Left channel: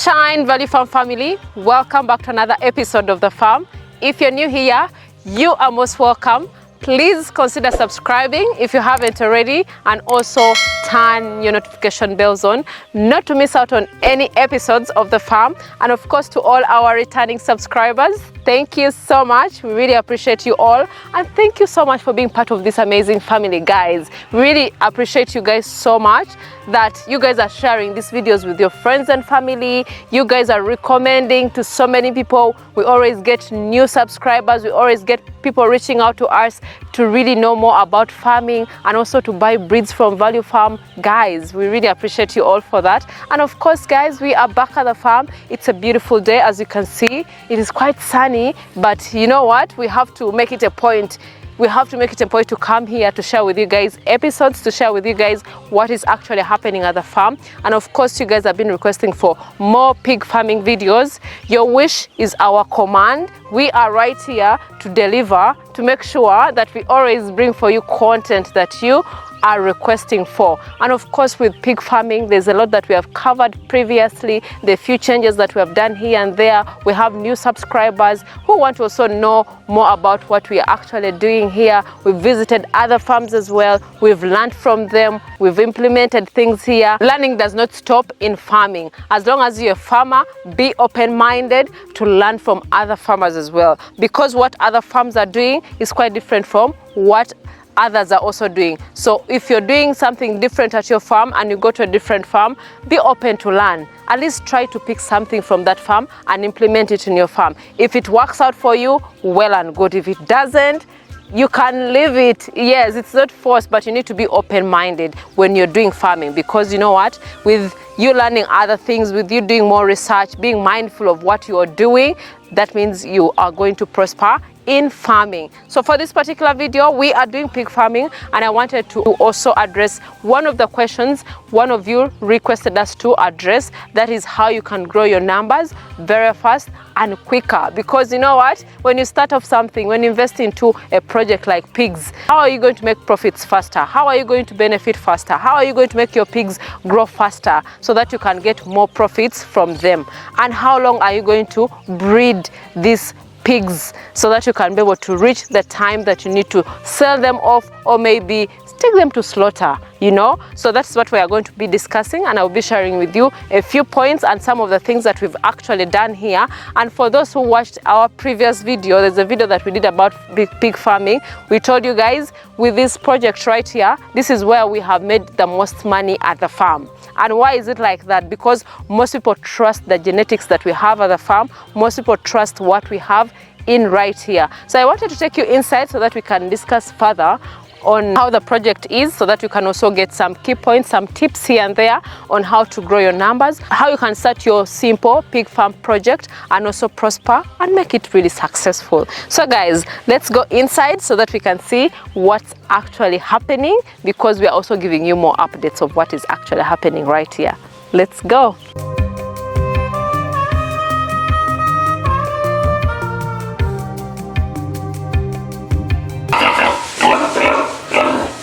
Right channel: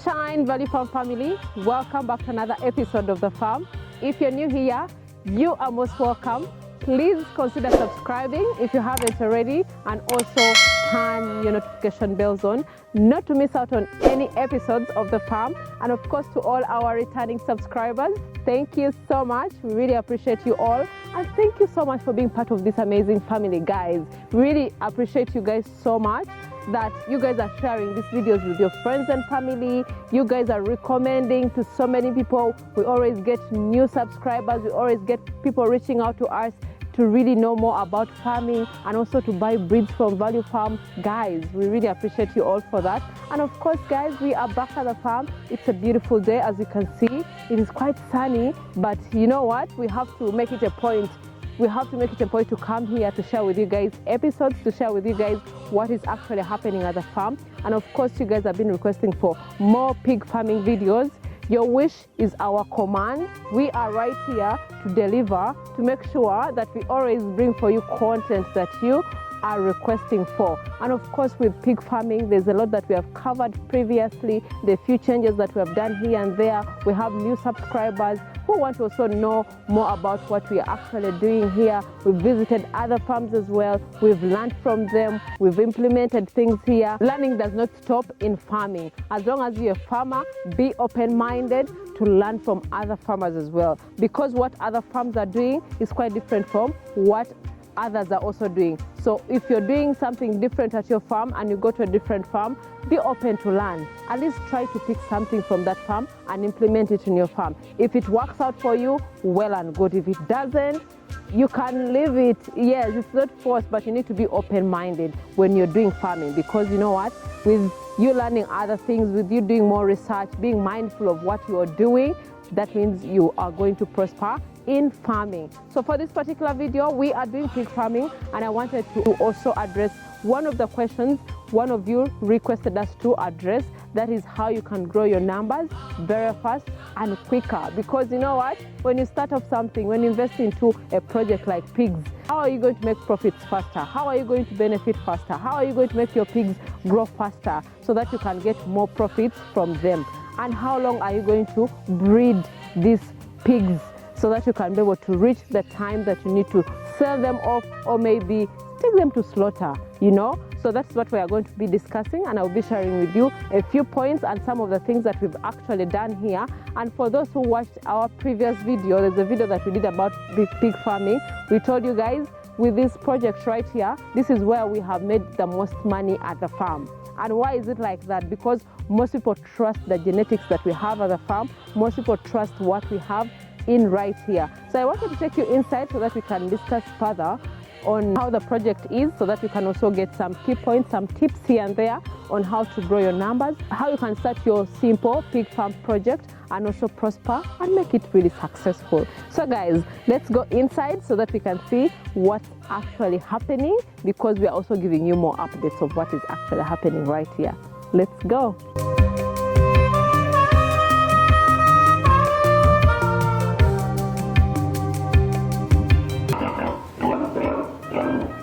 Sunshine Valley Farm family, welcome back to another episode of The Farm. If you're new here, you are most welcome. Please consider subscribing if you haven't already, and also turn your notification bells on not to miss out on any episodes of The Farm. And of course, to all our returning subscribers, thank you so much. We really appreciate you all, and thank you so much for being part of this amazing family, guys. We really appreciate you guys so much that you guys are sharing these videos with your friends and family. You guys are recommending to so many people. We always get new subscribers. We always get people reaching out to us to really know more about farming and also to buy breeds from Value Farm. Guys, we really appreciate you all for that. And of course, guys, we are back at the farm. It's a beautiful day, as you can see. It is quite sunny, but you know what? We have to make it a point. We have to make it a point to come here to share with you guys episodes, to share with you guys what is actually happening at the farm. And of course, you guys have been requesting for more pig farming videos. Your wish is our command. We are right here to deliver, to make sure that we always bring for you content that you are requesting for. And of course, with pig farming, there's a lot that we have covered previously, the few changes that we have done here and there. We have new subscribers who want to also know more about what we are actually doing here. We've visited other farms as well. We've learned from them. We've implemented things here. Learning does not stop in farming. As long as you're a farmer, be open-minded to learn from other farmers as well, because what other farms are doing is quite different from what others are also doing. So if you're doing something different at your farm and you go to a different farm, be open to learn. At least try to pick something from that farm and implement it in your farm. If it works out for you, well and good. If it doesn't, you can leave it. Yes, it's not forced, but you need to be open-minded when you're doing farming, because you know what? With you learning other things, with you doing more research, being mindful of what you are doing, that means you are going to prosper in farming. So for this particular video, we are doing pig farming, and I wanted to also address one of the questions one of you requested us to address. That is how you can grow your numbers very fast and quicker. Because you know what? When you start off something, when you invest into a project like pigs, how are you going to make profits faster? How are you going to benefit faster? How are you going to make your pigs grow faster so that you can get more profits from them? And how long are you going to breed these pigs so that you can be able to reach the time that you need to sell them off, or maybe take them to slaughter, you know? So that's what we are going to be discussing, and I'll be sharing with you a few points and some of the things that we've actually done here. And for those who watched our previous video, there's a video that we did about pig farming. We told you guys, with this project right here, this is where we have made the most money at the farm. And why is it like that? Because most people trust the genetics that we have at the farm. Most people trust what we have in right here. So I wanted to take you inside so that we can discuss further on how the project is, so that you can also get some key points, some tips here and there on how to grow your numbers, how you can start your simple pig farm project and also prosper and make it really successful. So guys, let's go inside so that we can see what's actually happening, because we are also giving you more updates of what is actually happening right here. Let's go.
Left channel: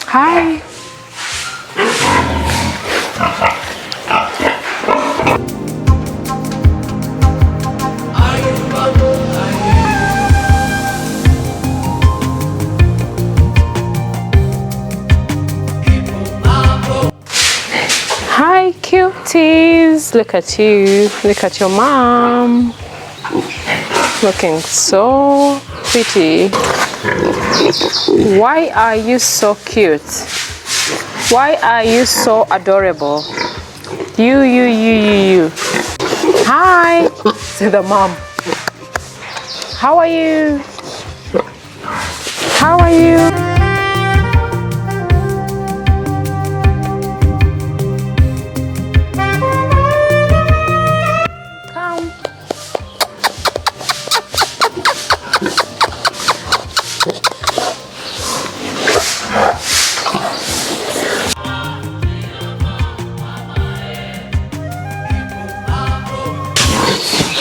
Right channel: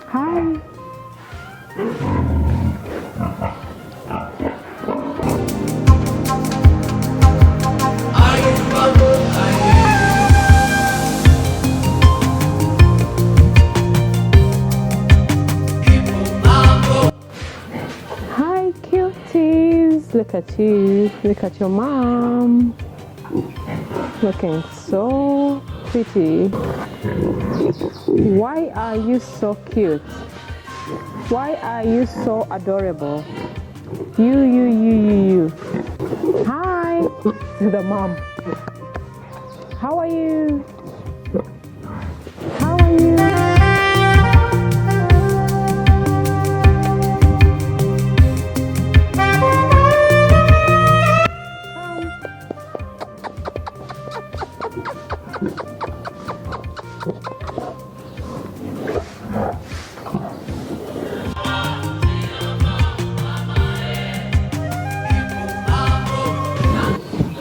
Hi. Hi, cuties. Look at you. Look at your mom. Looking so pretty. Why are you so cute? Why are you so adorable? You. Hi. To the mom. How are you? How are you?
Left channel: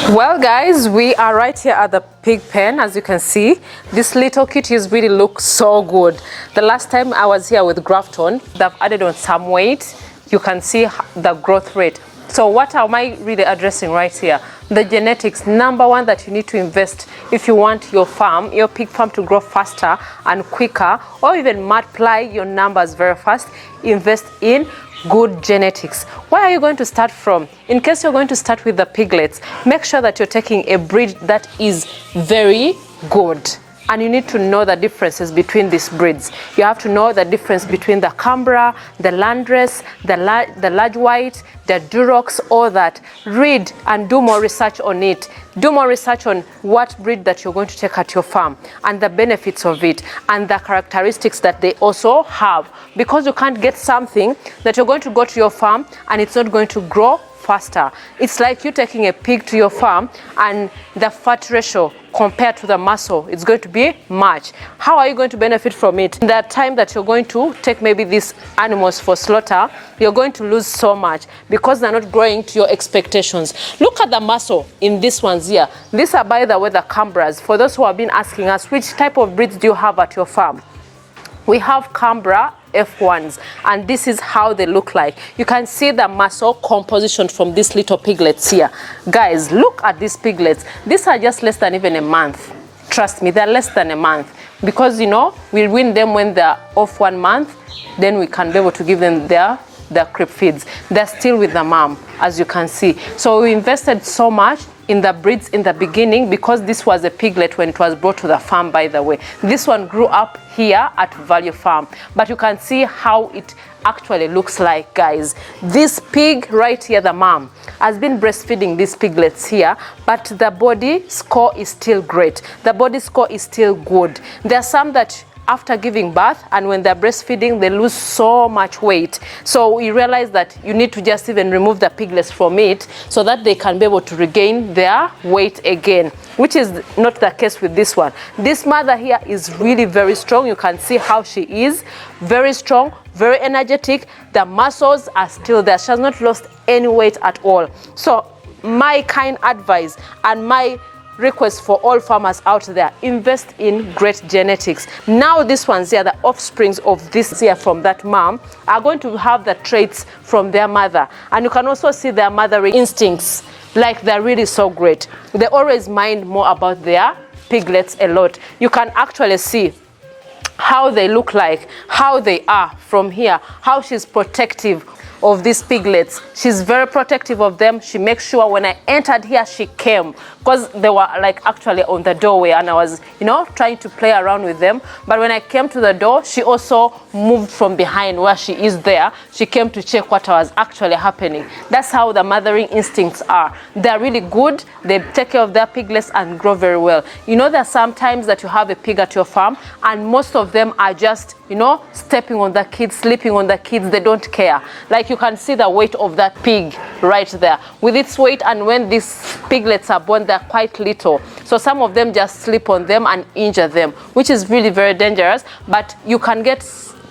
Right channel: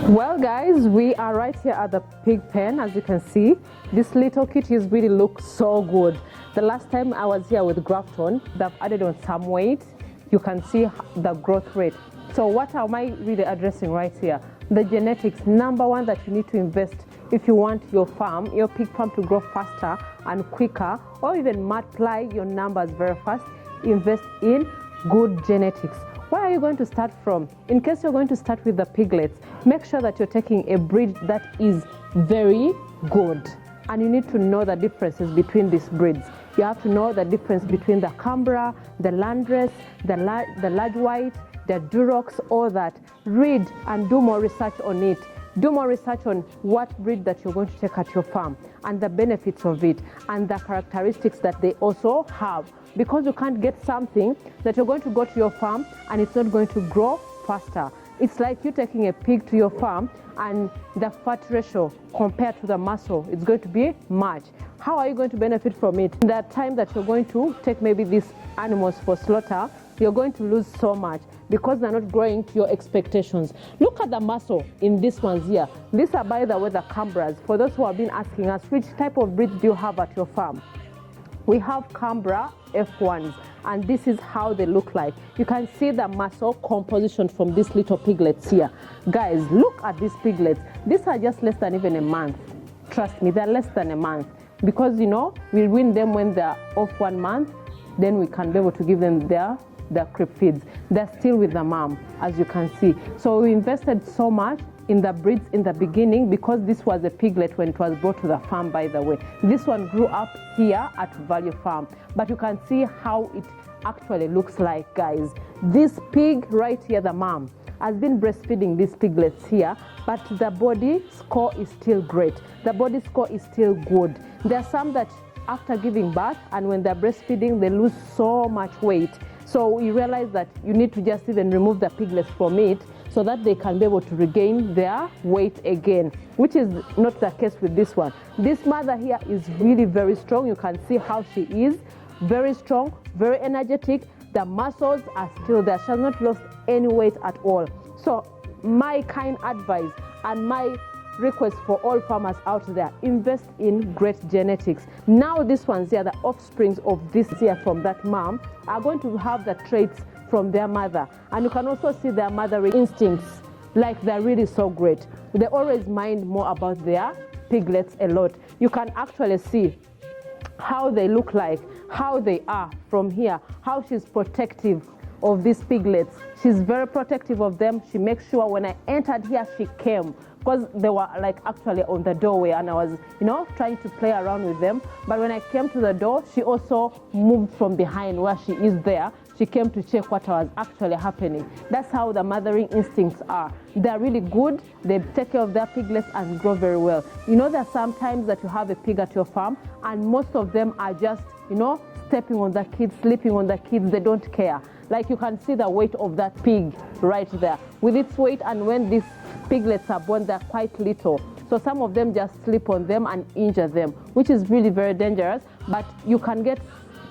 Well guys, we are right here at the pig pen. As you can see, these little kitties really look so good. The last time I was here with Grafton, they've added on some weight. You can see the growth rate. So what am I really addressing right here? The genetics, number one, that you need to invest if you want your farm, your pig farm, to grow faster and quicker, or even multiply your numbers very fast. Invest in good genetics. Where are you going to start from? In case you're going to start with the piglets, make sure that you're taking a breed that is very good. And you need to know the differences between these breeds. You have to know the difference between the Canberra, the Landrace, the large white, the Durox, all that. Read and do more research on it. Do more research on what breed that you're going to take at your farm and the benefits of it and the characteristics that they also have. Because you can't get something that you're going to go to your farm and it's not going to grow faster. It's like you taking a pig to your farm and the fat ratio compared to the muscle, it's going to be much. How are you going to benefit from it? In that time that you're going to take maybe these animals for slaughter, you're going to lose so much because they're not growing to your expectations. Look at the muscle in these ones here. These are, by the way, the Canberras. For those who have been asking us, which type of breeds do you have at your farm? We have Canberra F1s, and this is how they look like. You can see the muscle composition from these little piglets here. Guys, look at these piglets. These are just less than even a month. Trust me, they're less than a month. Because, you know, we win them when they're off 1 month, then we can be able to give them their crib feeds. They're still with the mom, as you can see. So we invested so much in the breeds in the beginning because this was a piglet when it was brought to the farm, by the way. This one grew up here at Value Farm. But you can see how it actually looks like, guys. This pig right here, the mom, has been breastfeeding these piglets here, but the body score is still great. The body score is still good. There are some that after giving birth and when they're breastfeeding, they lose so much weight. So we realize that you need to just even remove the piglets from it so that they can be able to regain their weight again, which is not the case with this one. This mother here is really very strong. You can see how she is very strong, very energetic. The muscles are still there. She has not lost any weight at all. So my kind advice and my request for all farmers out there, invest in great genetics. Now these ones here, the offsprings of this here from that mom, are going to have the traits from their mother. And you can also see their mothering instincts, like they're really so great. They always mind more about their piglets a lot. You can actually see how they look like, how they are from here, how she's protective of these piglets. She's very protective of them. She makes sure when I entered here, she came, because they were like actually on the doorway and I was, you know, trying to play around with them. But when I came to the door, she also moved from behind where she is there. She came to check what was actually happening. That's how the mothering instincts are. They're really good. They take care of their piglets and grow very well. You know, there are some times that you have a pig at your farm and most of them are just, you know, stepping on the kids, sleeping on the kids. They don't care. Like you can see the weight of that pig right there with its weight, and when these piglets are born, they're quite little. So some of them just sleep on them and injure them, which is really very dangerous. But you can get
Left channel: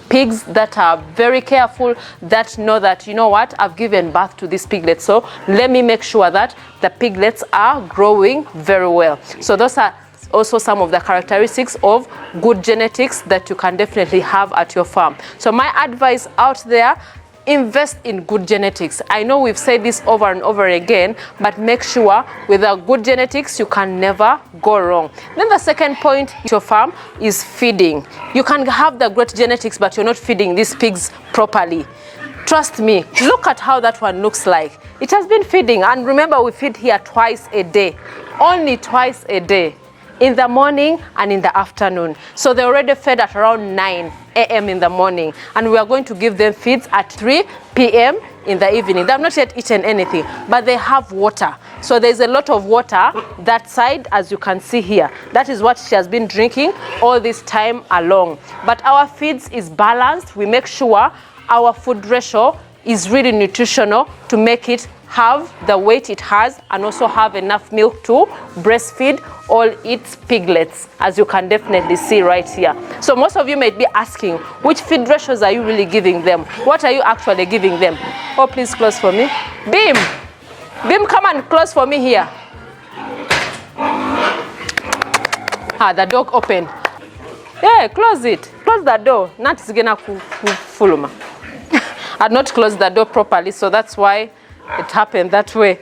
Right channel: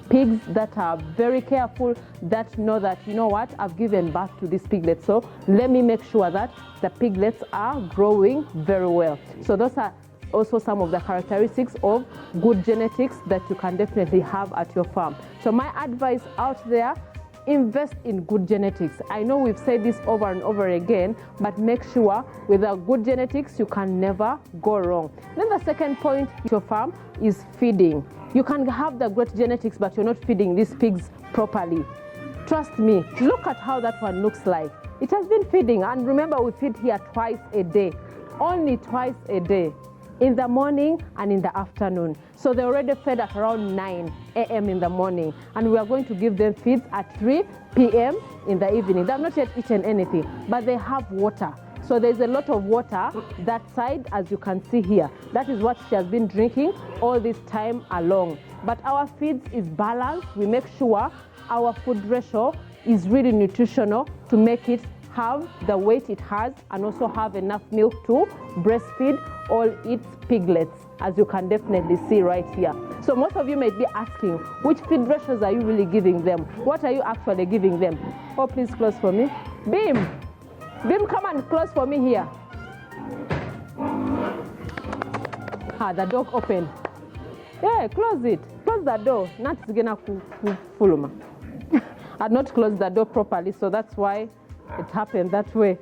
pigs that are very careful, that know that, you know what, I've given birth to these piglets, so let me make sure that the piglets are growing very well. So those are also some of the characteristics of good genetics that you can definitely have at your farm. So my advice out there, invest in good genetics. I know we've said this over and over again, but make sure with the good genetics, you can never go wrong. Then the second point to your farm is feeding. You can have the great genetics, but you're not feeding these pigs properly. Trust me, look at how that one looks like. It has been feeding, and remember we feed here twice a day, only twice a day, in the morning and in the afternoon. So they already fed at around 9 a.m. in the morning, and we are going to give them feeds at 3 p.m. in the evening. They have not yet eaten anything, but they have water. So there's a lot of water that side, as you can see here. That is what she has been drinking all this time along. But our feeds is balanced. We make sure our food ratio is really nutritional to make it have the weight it has and also have enough milk to breastfeed all its piglets, as you can definitely see right here. So most of you might be asking, which feed ratios are you really giving them? What are you actually giving them? Oh, please close for me. Beam, come and close for me here. The door open. Yeah, close it. Close the door. Not is gonna fuluma. I had not closed the door properly, so that's why it happened that way.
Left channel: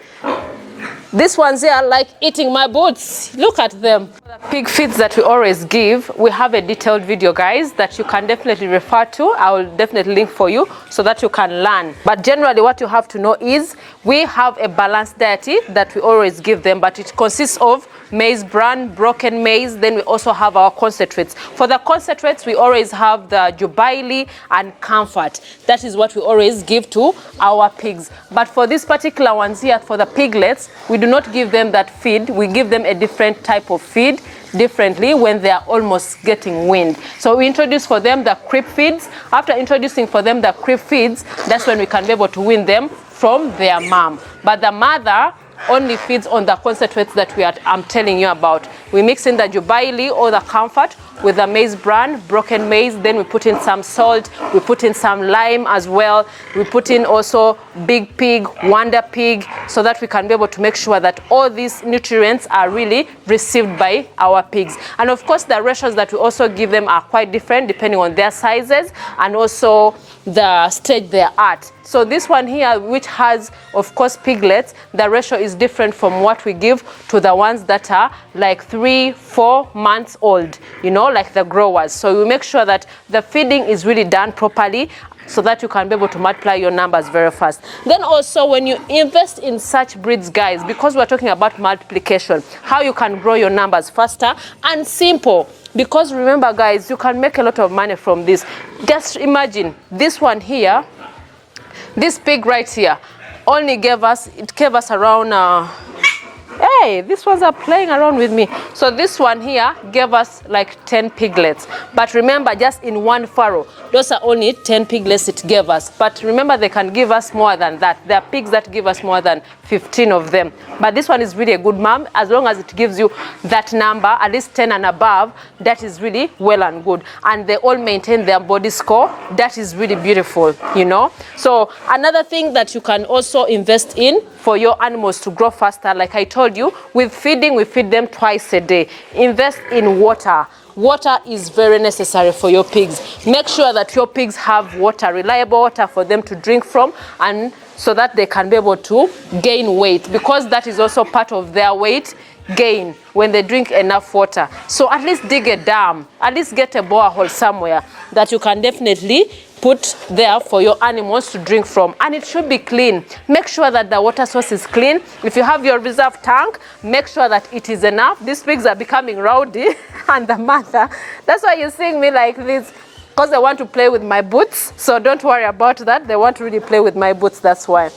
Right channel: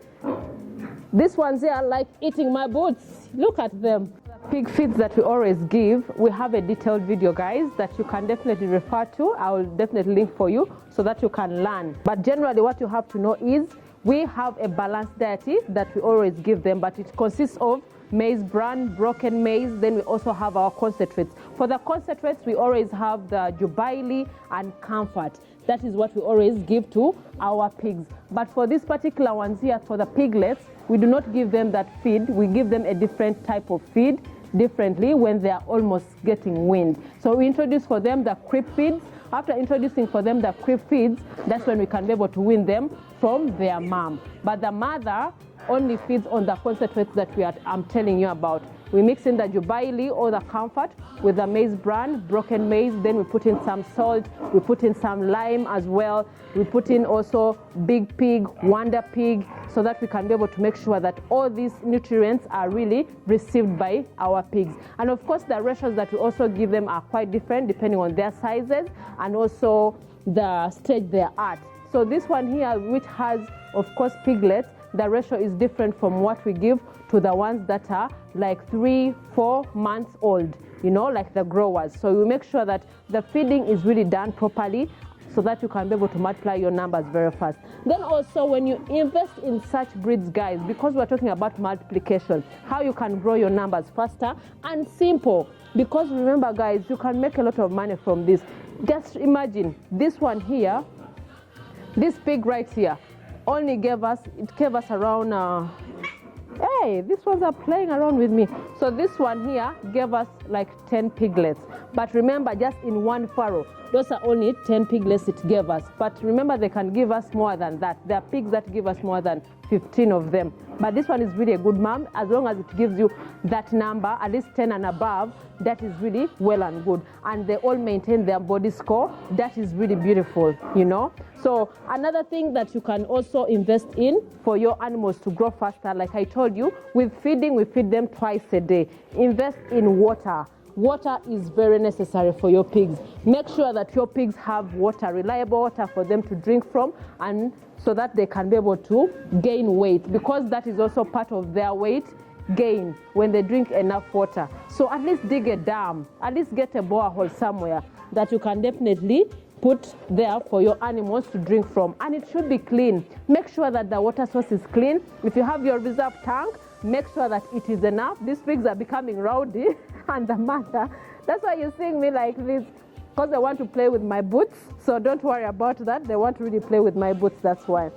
These ones here are like eating my boots. Look at them. The pig feeds that we always give, we have a detailed video, guys, that you can definitely refer to. I will definitely link for you so that you can learn. But generally what you have to know is we have a balanced diet that we always give them, but it consists of maize bran, broken maize, then we also have our concentrates. For the concentrates, we always have the jubilee and comfort. That is what we always give to our pigs. But for these particular ones here, for the piglets, we do not give them that feed. We give them a different type of feed differently when they are almost getting weaned. So we introduce for them the crib feeds. After introducing for them the crib feeds, that's when we can be able to wean them from their mom. But the mother only feeds on the concentrates that I'm telling you about. We mix in the jubilee or the comfort with the maize bran, broken maize, then we put in some salt, we put in some lime as well, we put in also big pig, wonder pig, so that we can be able to make sure that all these nutrients are really received by our pigs. And of course the ratios that we also give them are quite different depending on their sizes and also the stage they're at. So this one here, which has of course piglets, the ratio is different from what we give to the ones that are like 3-4 months old, you know, like the growers. So we make sure that the feeding is really done properly so that you can be able to multiply your numbers very fast. Then also when you invest in such breeds, guys, because we're talking about multiplication, how you can grow your numbers faster and simple. Because remember, guys, you can make a lot of money from this. Just imagine this one here, this pig right here, only gave us around, hey, these ones are playing around with me. So this one here gave us like 10 piglets. But remember, just in one farrow, those are only 10 piglets it gave us. But remember, they can give us more than that. There are pigs that give us more than 15 of them. But this one is really a good mom. As long as it gives you that number, at least 10 and above, that is really well and good. And they all maintain their body score. That is really beautiful, you know. So another thing that you can also invest in for your animals to grow faster, like I told you, with feeding, we feed them twice a day. Invest in water. Water is very necessary for your pigs. Make sure that your pigs have water, reliable water for them to drink from, and so that they can be able to gain weight, because that is also part of their weight gain when they drink enough water. So at least dig a dam, at least get a borehole somewhere that you can definitely put there for your animals to drink from, and it should be clean. Make sure that the water source is clean. If you have your reserve tank, make sure that it is enough. These pigs are becoming rowdy and the mother, that's why you're seeing me like this, because they want to play with my boots. So don't worry about that. They want to really play with my boots, that's why.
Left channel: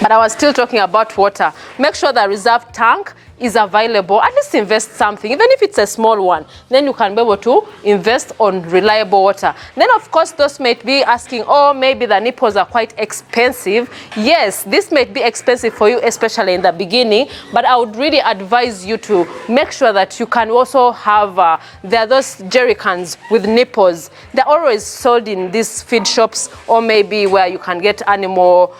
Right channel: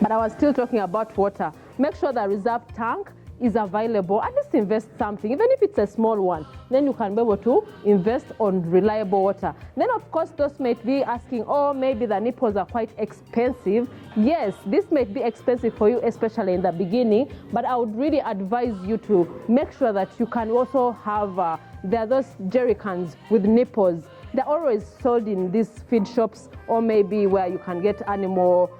But I was still talking about water. Make sure the reserve tank is available. At least invest something, even if it's a small one. Then you can be able to invest on reliable water. Then of course those might be asking, oh, maybe the nipples are quite expensive. Yes, this might be expensive for you, especially in the beginning, but I would really advise you to make sure that you can also have, there are those jerry cans with nipples. They're always sold in these feed shops, or maybe where you can get animal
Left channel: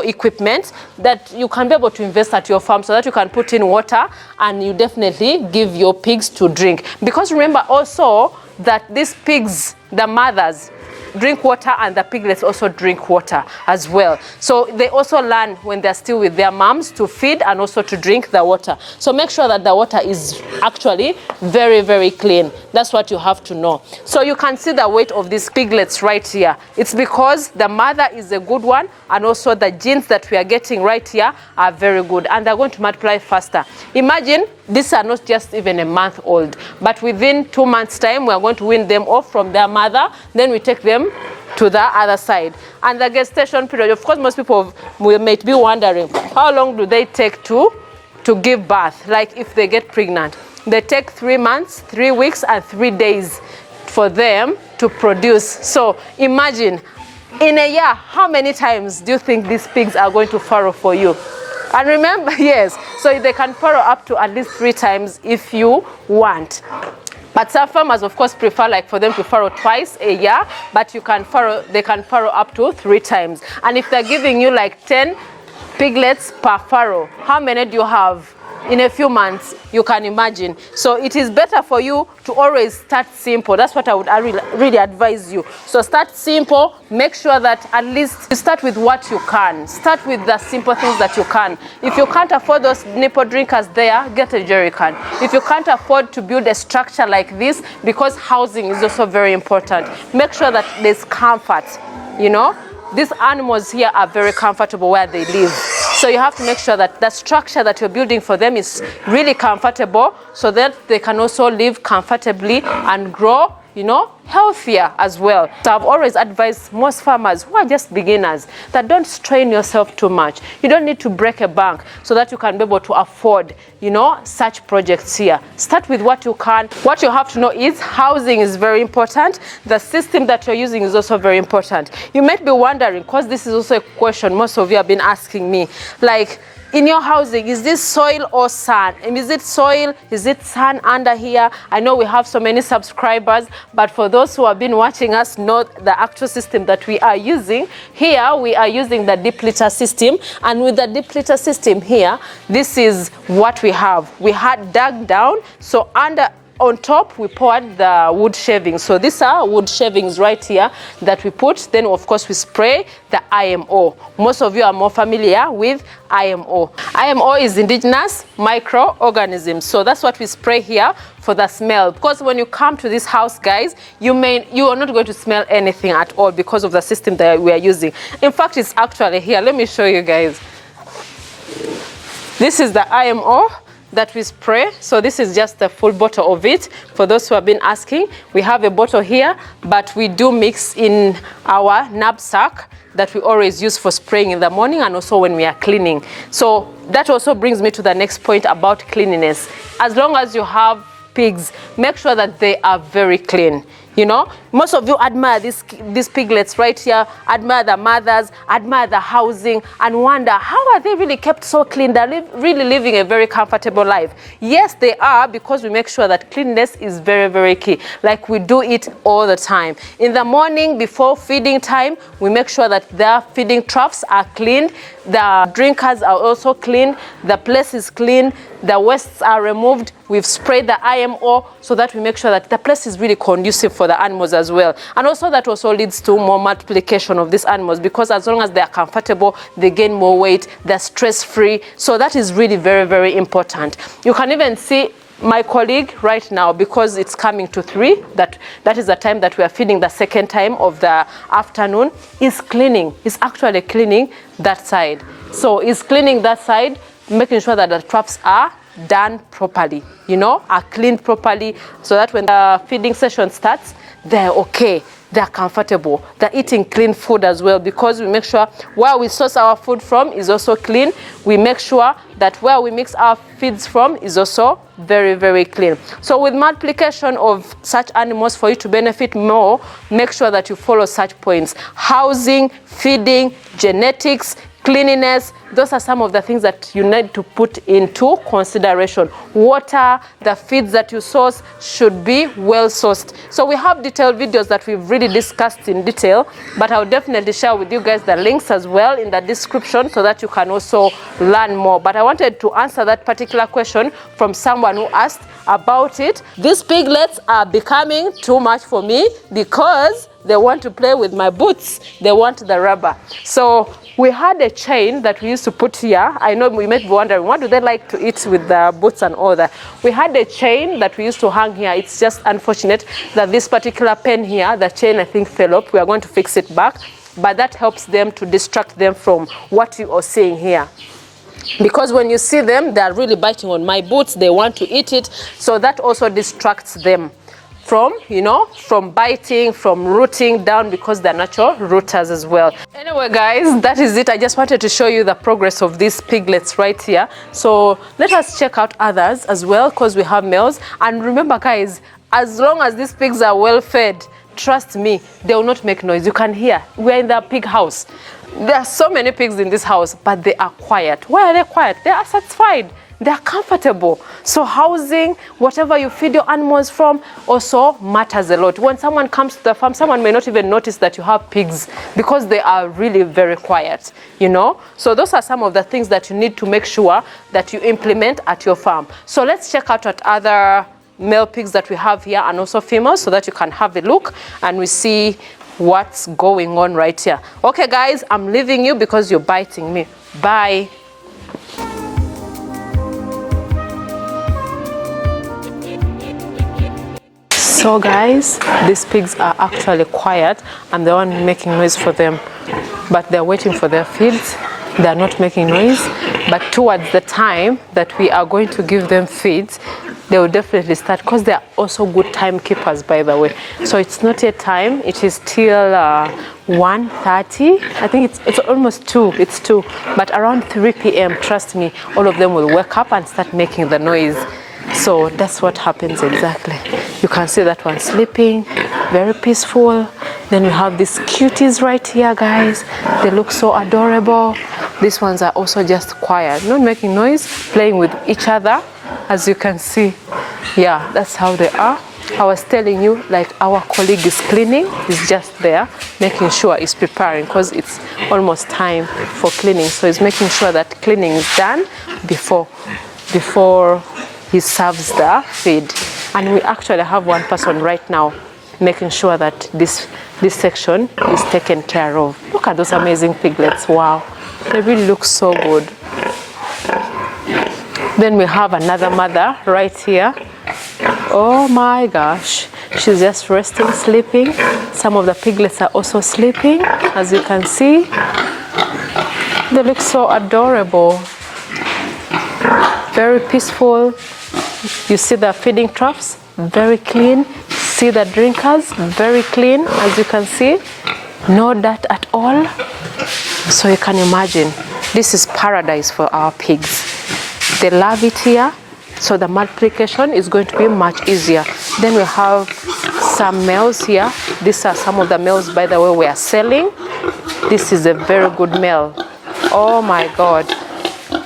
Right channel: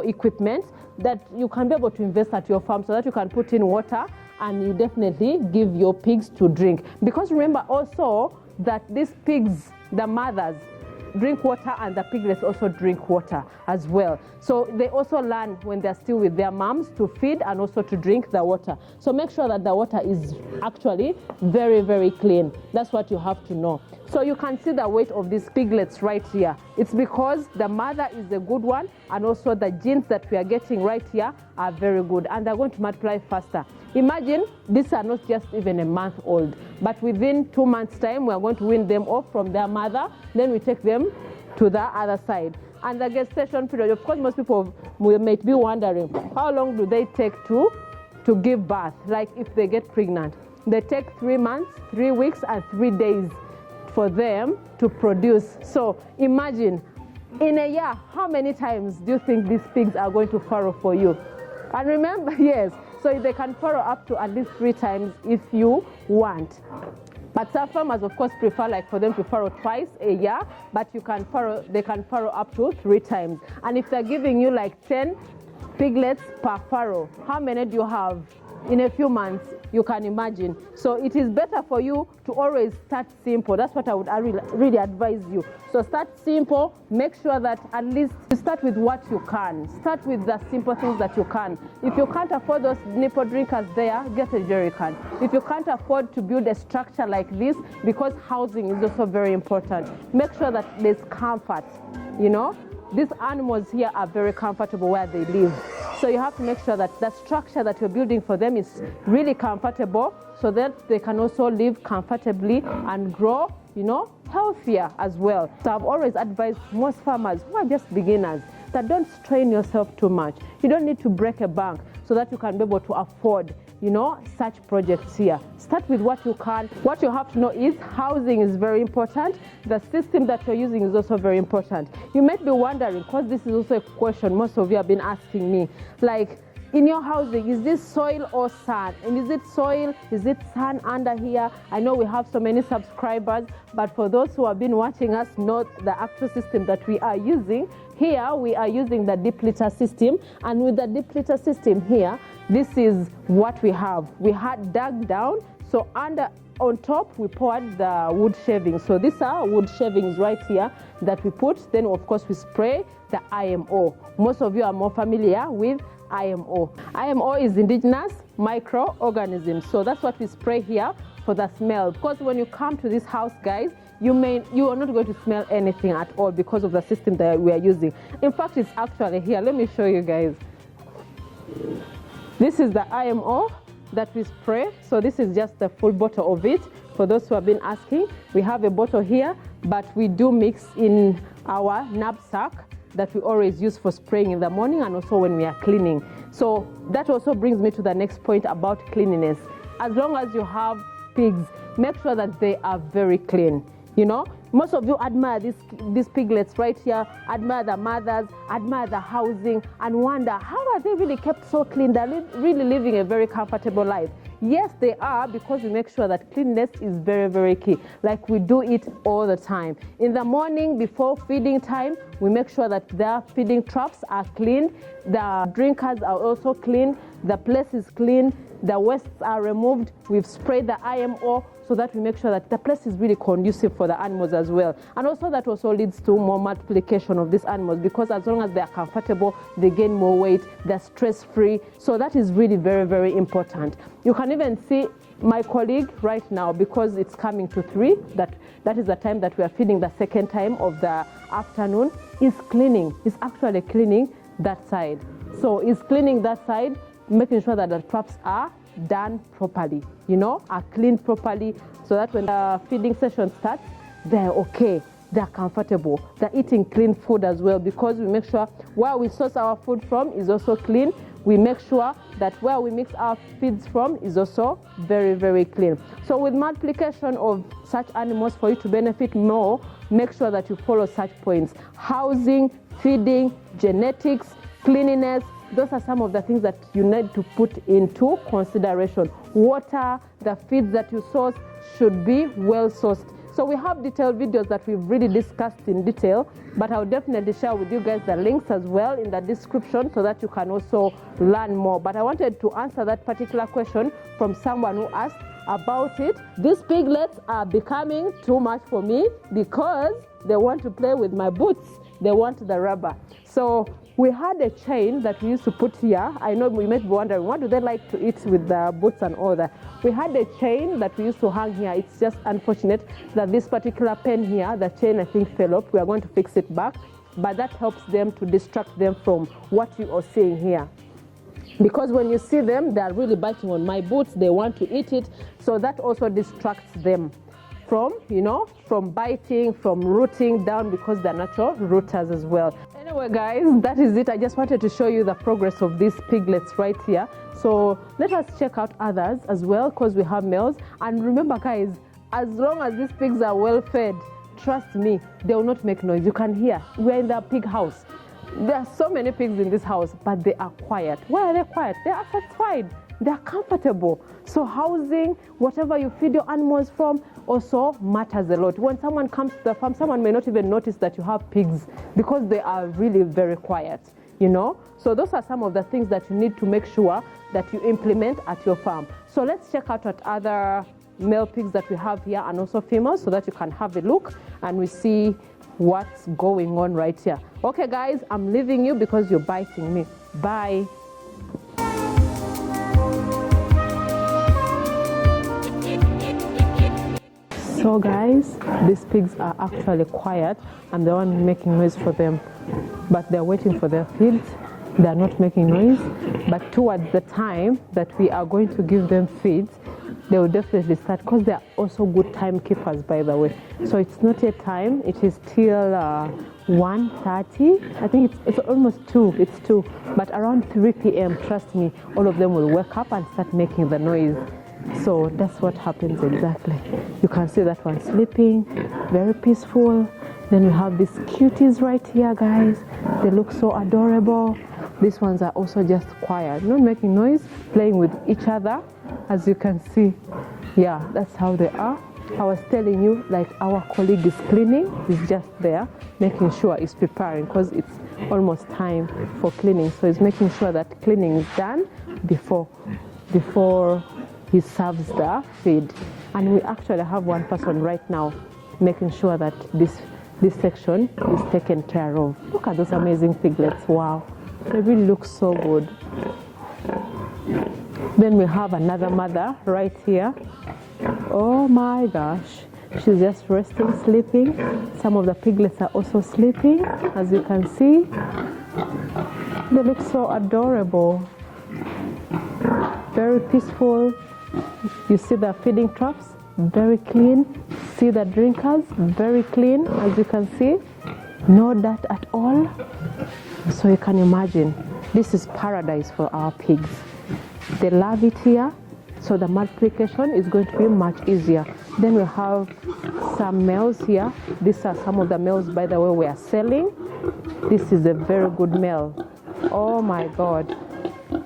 equipment, that you can be able to invest at your farm so that you can put in water and you definitely give your pigs to drink. Because remember also that these pigs, the mothers, drink water, and the piglets also drink water as well. So they also learn when they're still with their moms to feed and also to drink the water. So make sure that the water is actually very, very clean. That's what you have to know. So you can see the weight of these piglets right here. It's because the mother is a good one, and also the genes that we are getting right here are very good, and they're going to multiply faster. Imagine these are not just even a month old, but within 2 months time we are going to wean them off from their mother, then we take them to the other side. And the gestation period, of course most people might be wondering, how long do they take to give birth? Like if they get pregnant, they take 3 months, 3 weeks and 3 days for them to produce. So imagine in a year, how many times do you think these pigs are going to farrow for you? And remember, yes, so they can farrow up to at least 3 times if you want. But some farmers, of course, prefer like for them to farrow twice a year, but they can farrow up to 3 times. And if they're giving you like 10 piglets per farrow, how many do you have? in a few months, you can imagine. So it is better for you to always start simple. That's what I would really advise you. So start simple, make sure that at least you start with what you can. Start with the simple things that you can. If you can't afford those nipple drinkers there, get a jerry can. If you can't afford to build a structure like this, because housing is also very important, make sure that there's comfort, you know. These animals here are very comfortable where they live. So you have to make sure that the structure that you're building for them is really comfortable so that they can also live comfortably and grow, you know, healthier as well. So I've always advised most farmers who are just beginners that don't strain yourself too much. You don't need to break a bank so that you can be able to afford, you know, such projects here. Start with what you can. What you have to know is housing is very important. The system that you're using is also very important. You might be wondering, because this is also a question most of you have been asking me, like, in your housing, is this soil or sun? And is it soil? Is it sun under here? I know we have so many subscribers, but for those who have been watching us know the actual system that we are using. Here, we are using the deep litter system. And with the deep litter system here, this is what we have. We had dug down, so on top, we poured the wood shavings. So these are wood shavings right here that we put. Then, of course, we spray the IMO. Most of you are more familiar with IMO. IMO is indigenous microorganisms. So that's what we spray here for the smell. Because when you come to this house, guys, you are not going to smell anything at all because of the system that we are using. In fact, it's actually here. Let me show you guys. This is the IMO that we spray. So this is just a full bottle of it. For those who have been asking, we have a bottle here, but we do mix in our knapsack that we always use for spraying in the morning and also when we are cleaning. So that also brings me to the next point about cleanliness. As long as you have pigs, make sure that they are very clean. You know, most of you admire these piglets right here, admire the mothers, admire the housing, and wonder, how are they really kept so clean? They're really living a very comfortable life. Yes, they are, because we make sure that cleanliness is very, very key. Like we do it all the time. In the morning, before feeding time, we make sure that their feeding troughs are cleaned, the drinkers are also clean, the place is clean, the wastes are removed. We've sprayed the IMO so that we make sure that the place is really conducive for the animals as well. And also that also leads to more multiplication of these animals, because as long as they are comfortable, they gain more weight, they're stress-free. So that is really very, very important. You can even see my colleague right now, because it's coming to 3, that is the time that we are feeding the second time of the afternoon, is cleaning. Is actually cleaning that side. So is cleaning that side, making sure that the troughs are done properly, you know, are cleaned properly, so that when the feeding session starts, they're okay, they're comfortable, they're eating clean food as well, because we make sure where we source our food from is also clean. We make sure that where we mix our feeds from is also very, very clean. So with multiplication of such animals, for you to benefit more, make sure that you follow such points: housing, feeding, genetics, cleanliness. Those are some of the things that you need to put into consideration. Water, the feeds that you source should be well sourced. So we have detailed videos that we've really discussed in detail, but I'll definitely share with you guys the links as well in the description so that you can also learn more. But I wanted to answer that particular question from someone who asked about it. These piglets are becoming too much for me because they want to play with my boots. They want the rubber. So we had a chain that we used to put here. I know we might be wondering, what do they like to eat with the boots and all that? We had a chain that we used to hang here. It's just unfortunate that this particular pen here, the chain I think fell off. We are going to fix it back. But that helps them to distract them from what you are seeing here. Because when you see them, they are really biting on my boots. They want to eat it. So that also distracts them from, you know, from biting, from rooting down, because they're natural rooters as well. Anyway, guys, that is it. I just wanted to show you the progress of these piglets right here. So let us check out others as well, because we have males. And remember, guys, as long as these pigs are well fed, trust me, they will not make noise. You can hear. We're in the pig house. There are so many pigs in this house, but they are quiet. Why are they quiet? They are satisfied. they're comfortable. So housing, whatever you feed your animals from, also matters a lot. When someone comes to the farm, someone may not even notice that you have pigs because they are really very quiet, you know. So those are some of the things that you need to make sure that you implement at your farm. So let's check out what other male pigs that we have here and also females, so that you can have a look and we see what's going on right here. Okay guys, I'm leaving you because you're biting me. Bye. So guys, these pigs are actually quiet. I'm the one making noise for them, but they're waiting for their feeds. They're not making noise, but towards the time that we are going to give them feeds, they will definitely start, because they are also good timekeepers, by the way. So it's not yet time. It is till 1:30. I think it's almost 2. It's 2. But around 3 p.m., trust me, all of them will wake up and start making the noise. So that's what happens exactly. You can see that one sleeping, very peaceful. Then we have these cuties right here, guys. They look so adorable. These ones are also just quiet, not making noise, playing with each other, as you can see. Yeah, that's how they are. I was telling you, like, our colleague is cleaning. He's just there making sure he's preparing, because it's almost time for cleaning. So he's making sure that cleaning is done before he serves the feed. And we actually have one person right now making sure that this section is taken care of. Look at those amazing piglets. Wow, they really look so good. Then we have another mother right here. Oh my gosh, she's just resting, sleeping. Some of the piglets are also sleeping, as you can see. They look so adorable, very peaceful. You see the feeding troughs, very clean. See the drinkers, very clean, as you can see. No dirt at all. So you can imagine, this is paradise for our pigs. They love it here, so the multiplication is going to be much easier. Then we have some males here. These are some of the males, by the way, we are selling. This is a very good male. Oh my God.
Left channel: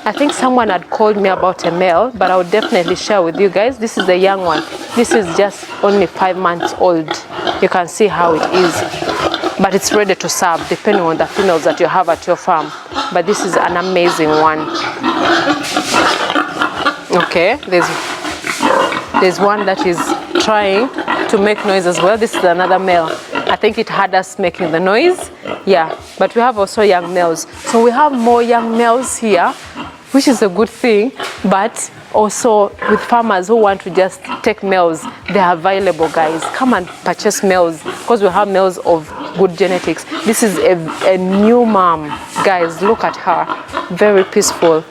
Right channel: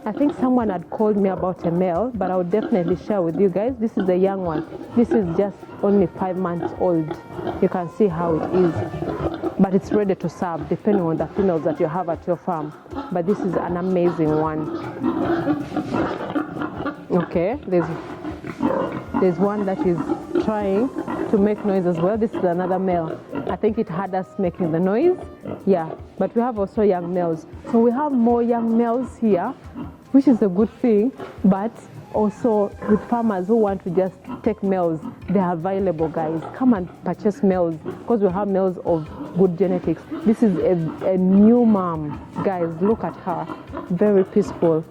I think someone had called me about a male, but I would definitely share with you guys. This is a young one. This is just only 5 months old. You can see how it is. But it's ready to serve, depending on the females that you have at your farm. But this is an amazing one. Okay, there's one that is trying to make noise as well. This is another male. I think it had us making the noise. Yeah, but we have also young males. So we have more young males here, which is a good thing. But also with farmers who want to just take males, they are available, guys. Come and purchase males, because we have males of good genetics. This is a new mom, guys. Look at her, very peaceful.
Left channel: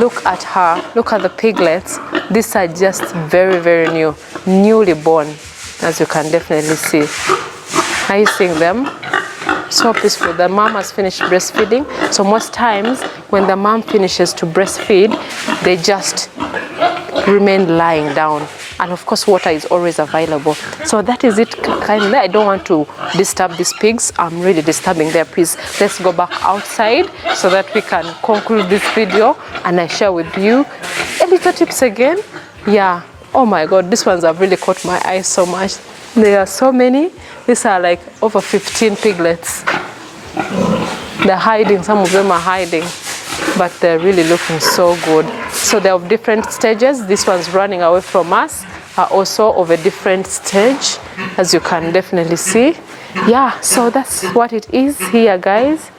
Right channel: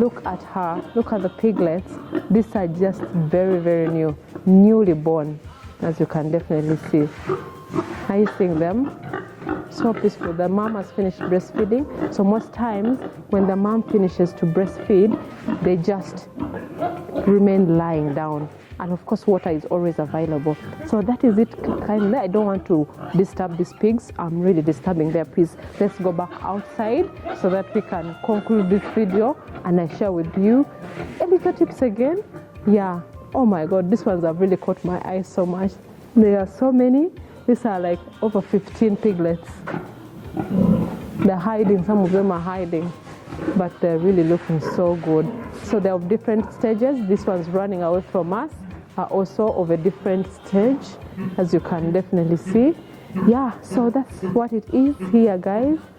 Look at her, look at the piglets. These are just very, very new, newly born, as you can definitely see. Are you seeing them? So peaceful. The mom has finished breastfeeding. So most times when the mom finishes to breastfeed, they just remain lying down. And of course, water is always available. So that is it, kindly. I don't want to disturb these pigs. I'm really disturbing their peace. Let's go back outside so that we can conclude this video and I share with you a little tips again. Yeah. Oh my God, these ones have really caught my eye so much. There are so many. These are like over 15 piglets. They're hiding. Some of them are hiding, but they're really looking so good. So they're of different stages. This one's running away from us are also of a different stage, as you can definitely see. Yeah, so that's what it is here, guys.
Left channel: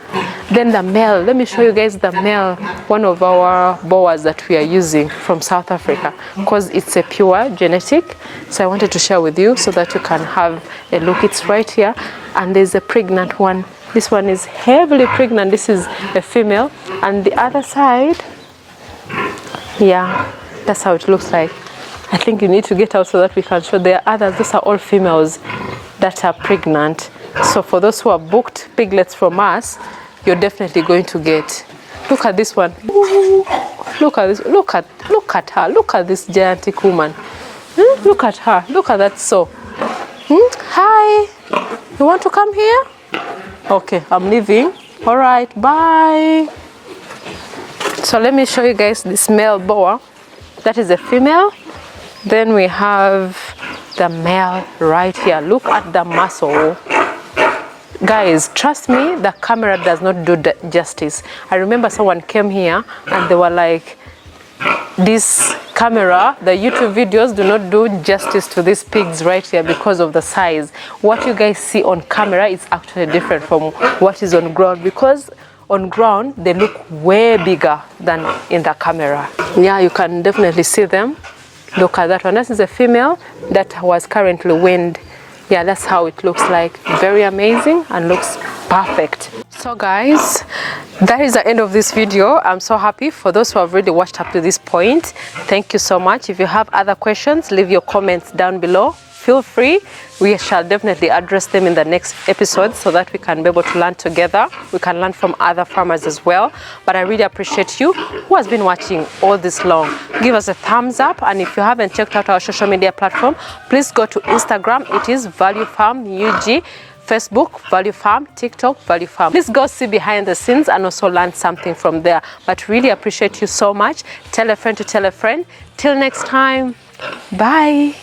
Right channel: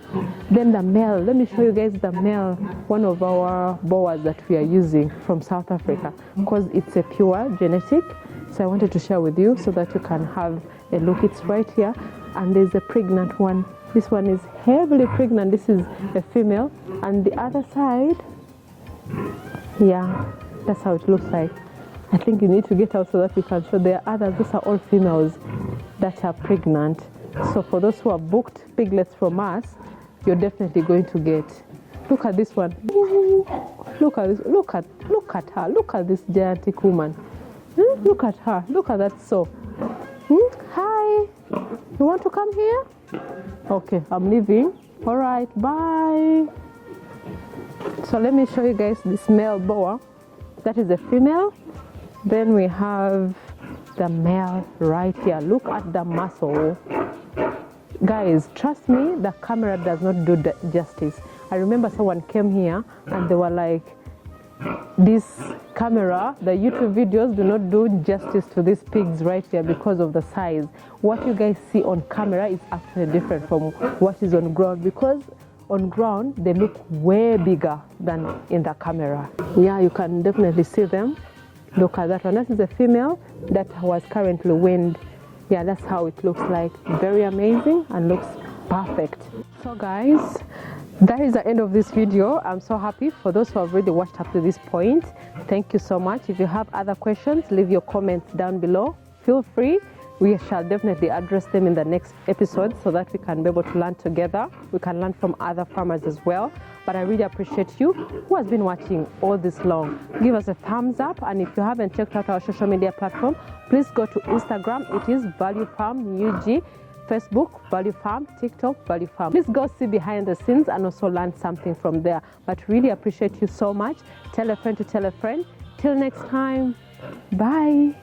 Then the male, let me show you guys the male, one of our boas that we are using from South Africa, because it's a pure genetic. So I wanted to share with you so that you can have a look. It's right here, and there's a pregnant one. This one is heavily pregnant. This is a female, and the other side, yeah, that's how it looks like. I think you need to get out so that we can show. There are others. Those are all females that are pregnant. So for those who have booked piglets from us, you're definitely going to get. Look at this one. Ooh, look at this. Look at her. Look at this gigantic woman. Look at her. Look at that. So, hi. You want to come here? Okay, I'm leaving. All right. Bye. So let me show you guys this male boa. That is a female. Then we have the male right here. Look at the muscle. Guys, trust me, the camera does not do justice. I remember someone came here and they were like, this camera, the YouTube videos do not do justice to these pigs right here because of the size. What you guys see on camera is actually different from what is on ground, because on ground they look way bigger than in the camera. Yeah, you can definitely see them. Look at that one. This is a female that was currently weaned. Yeah, that's how it looks like. Very amazing and looks perfect. So guys, that is the end of this video. I'm so happy for those who have already watched up to this point. Thank you so much. If you have other questions, leave your comments down below. Feel free. We shall definitely address them in the next episode so that we can be able to learn together. We can learn from other farmers as well. But I really appreciate you who has been watching all this long. Give us a thumbs up, and if you haven't checked out our social media platform, please go to Instagram. It is Value Farm UG. Facebook, Value Farm, TikTok, Value Farm. Please go see behind the scenes and also learn something from there. But really appreciate you so much. Tell a friend to tell a friend. Till next time, bye.